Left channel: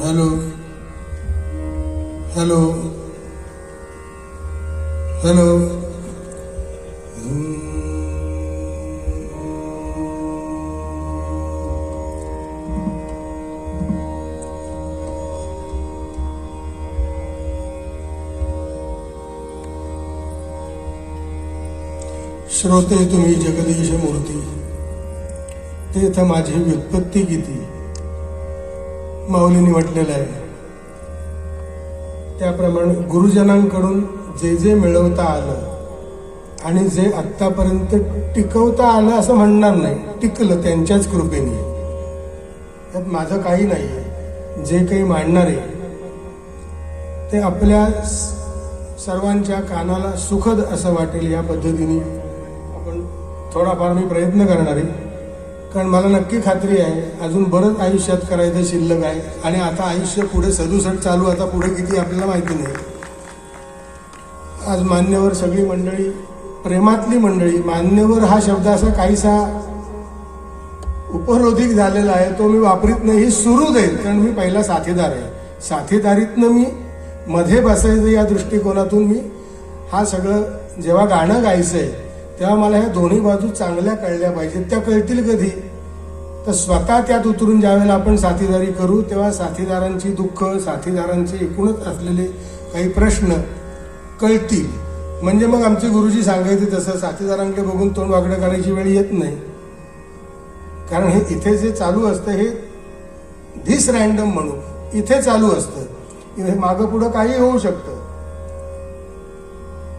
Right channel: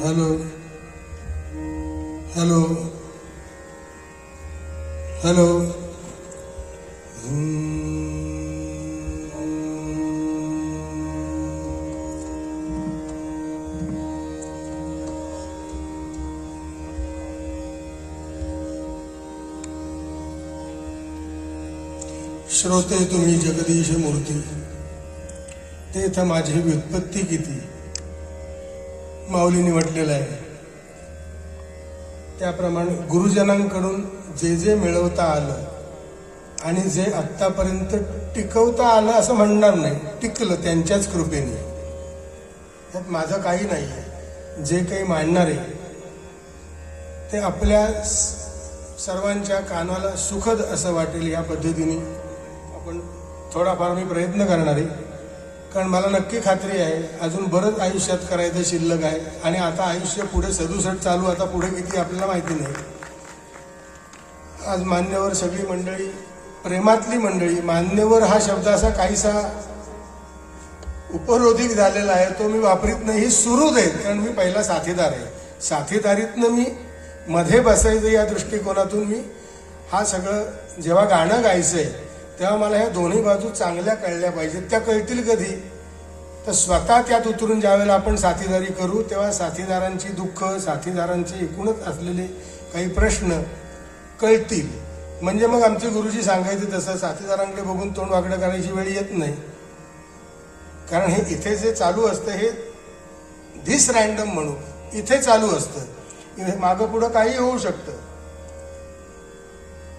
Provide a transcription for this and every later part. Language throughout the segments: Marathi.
हॅलो. हॅलो. हॅलो. श्रोते तुम्ही जगदीश मूर्ती. तेथ माझी व्युत्पत्ती किती? माऊली म्हटलेलं आहे. त्याप्रमाणे गुरुजनांकडून जे जे मिळवता आलं आणि जे आत्तापर्यंत टिकवता आलं असं म्हणणार नाही टिकलं त्यांच्याच कृपेने. त्यात माझं काही नाही आहे. जे काही मांडणारे ते आपल्या सर्वांच्या कानाला सुखद असं वाटेल या पद्धतीने. आपण थोडाफार मी प्रयत्न करणार आहे. कारण मला नक्की खात्री आहे अजून बरंच आयुष्यात करायचं शिल्लक आहे. आणि आता आयुष्य पुढे सदुसट चालू आता पुढे किती आपल्याला माहिती नाही. आज मान्यवर सगळी मंडळी प्रेमातली मंडळी मान्यवर हा शब्द असा काहीसा उपरोधिक झालेला आहे तो मी वापरीत नाही ही सुरू देईल. कारण मी पहिला साथीदार आहे. साथीदारीतनं मी मध्ये बसायचं या दृष्टिकोनातून मी हा सगळं जेव्हा गाणं गायचं आहे तेव्हा मला ह्या दोन्ही बाजू चांगल्या कळल्या पाहिजेत. त्या कळतील कधी? तर स्वतः त्यात उतरून ज्यावेळेला आपण साथीदारी करू तेव्हा साथीदारांची दुःख साथीदारांचे एकूणच असलेले काही प्रश्न कळतील. म्हणजे मग आमचे गुरुजी सांगायचे तसं साथीदारांकडे बघून तोंड वाकडं करायची वेळ येत नाही. कारण हे इथे जे चालू असतं हे धिस रॅन्डम म्हणून इथे चालू असतं. हे मागं पुढं काही होऊ शकतं.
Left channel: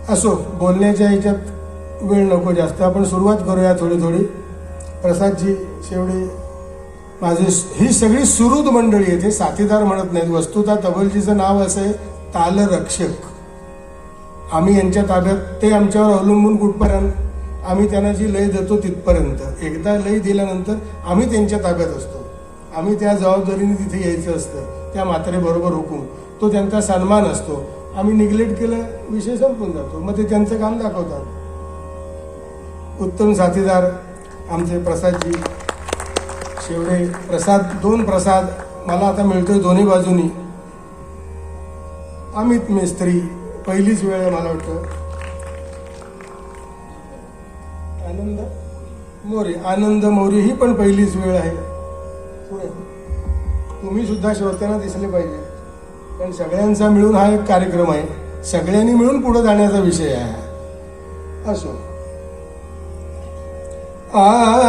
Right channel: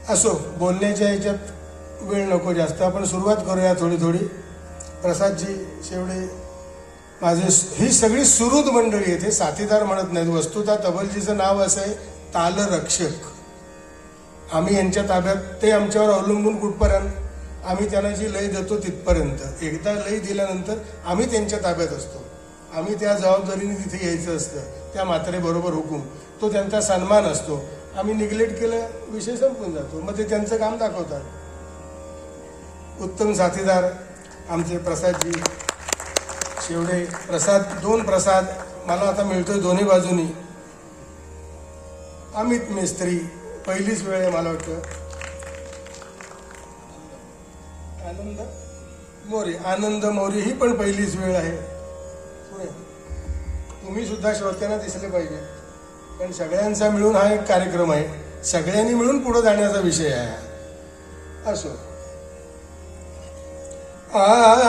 असो बोलण्याच्या ह्याच्यात वेळ नको जास्त. आपण सुरुवात करूया थोडी थोडी. प्रसादजी शेवटी माझे ही सगळी सुहृद मंडळी आहे ते साथीदार म्हणत नाहीत. वस्तुता तबलजीचं नाव असं आहे तालरक्षक. आम्ही यांच्या ताब्यात ते आमच्यावर अवलंबून कुठपर्यंत? आम्ही त्यांना जी लय देतो तिथपर्यंत. एकदा लय दिल्यानंतर आम्ही त्यांच्या ताब्यात असतो. आम्ही त्या जबाबदारीने तिथे यायचं असतं. त्या मात्रेबरोबर हुकूम तो त्यांचा सन्मान असतो. आम्ही निग्लेक्ट केलं विषय संपून जातो. मग ते त्यांचं काम दाखवतात. उत्तम साथीदार आमचे प्रसादजी शेवडे. प्रसाद दोन प्रसाद मला आता मिळतोय दोन्ही बाजूनी. अमित मेस्त्री पहिलीच वेळ आहे मला वाटतं. आनंद मोरे आनंद मोरे ही पण पहिलीच वेळ आहे. पुढे. तुम्ही सुद्धा श्रोत्यांना दिसले पाहिजे. पण सगळ्यांचा मिळून हा एक कार्यक्रम आहे. सगळ्यांनी मिळून पुढे जाण्याचा विषय आहे. असो. मॉनिटरला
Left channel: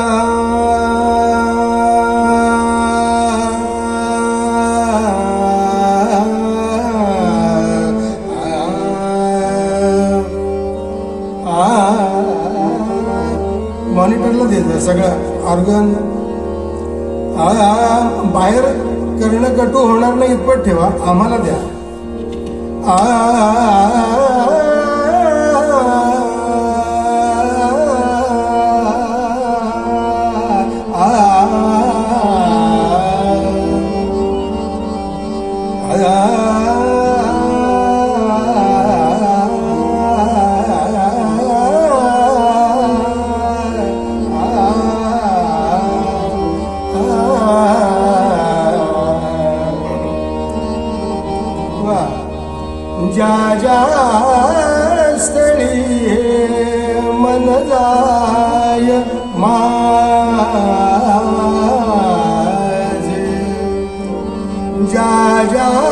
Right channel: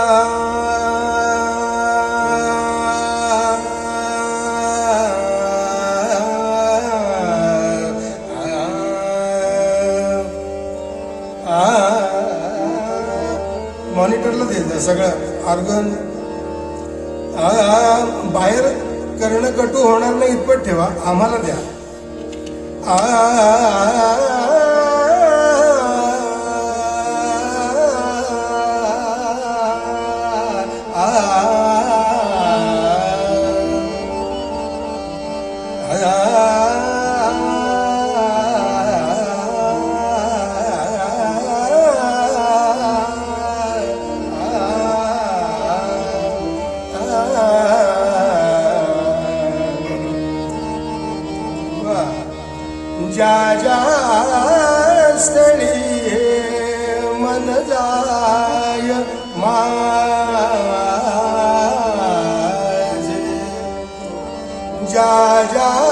द्यायचं सगळं. ऑर्गन बाहेर करणं कटू होणार नाही इतपत ठेवा. आम्हाला द्या. आ जा जा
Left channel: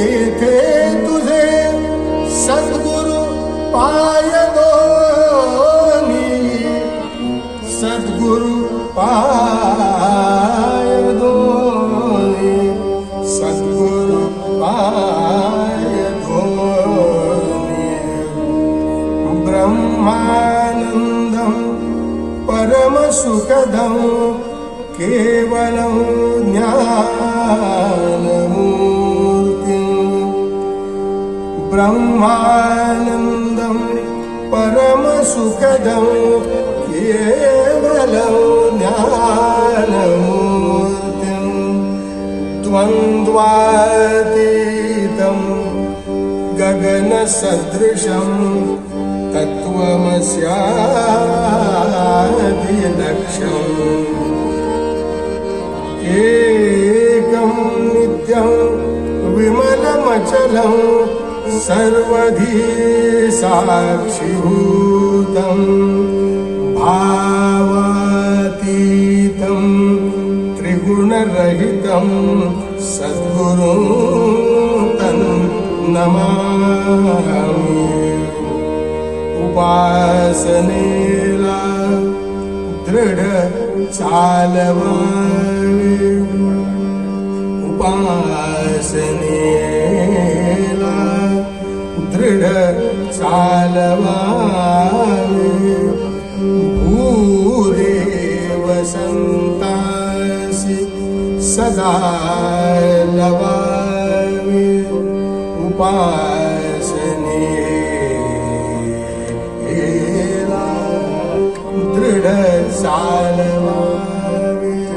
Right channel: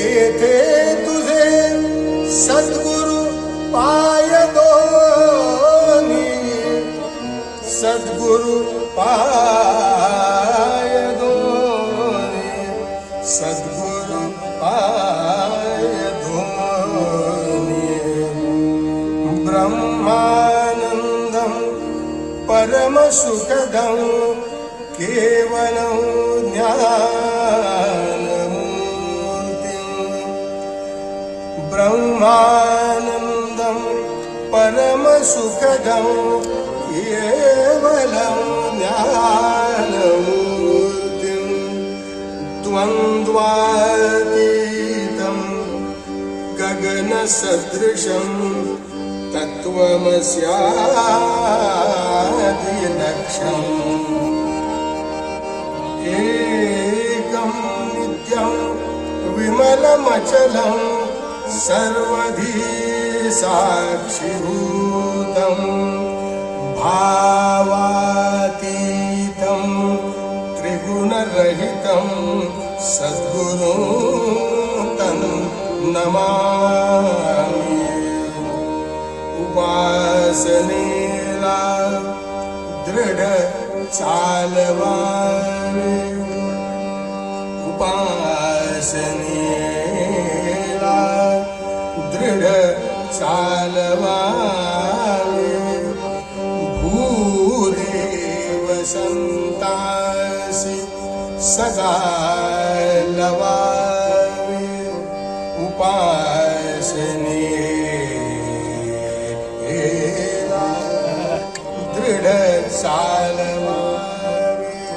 तेथे तुझे सद्गुरु पाय दोनी सद्गुरु पाय दोनी सद्गुरु पाय दोनी ब्रह्मानन्दं परमसुखदं केवलं ज्ञान. ब्रह्मानन्दं परमसुखदं केवलं ज्ञानमूर्तिम् द्वन्द्वातीतं गगनसदृशं तत्त्वमस्यादिलक्ष्यम् एकं नित्यं विमलमचलं सर्वधी साक्षिभूतं भावातीतं त्रिगुणरहितं सद्गुरुं तं नमामि। उपासनेला दृढ चालवावे उपासनेला दृढ चालवावे. भूदेव संतासी सदा लवावे. उपासने दृढ चालवावे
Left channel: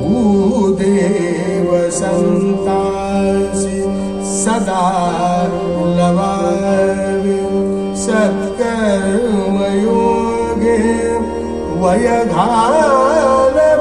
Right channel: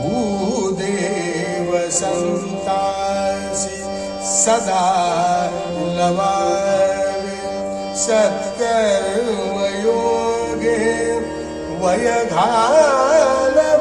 भूदेव संतासी सदा وينهى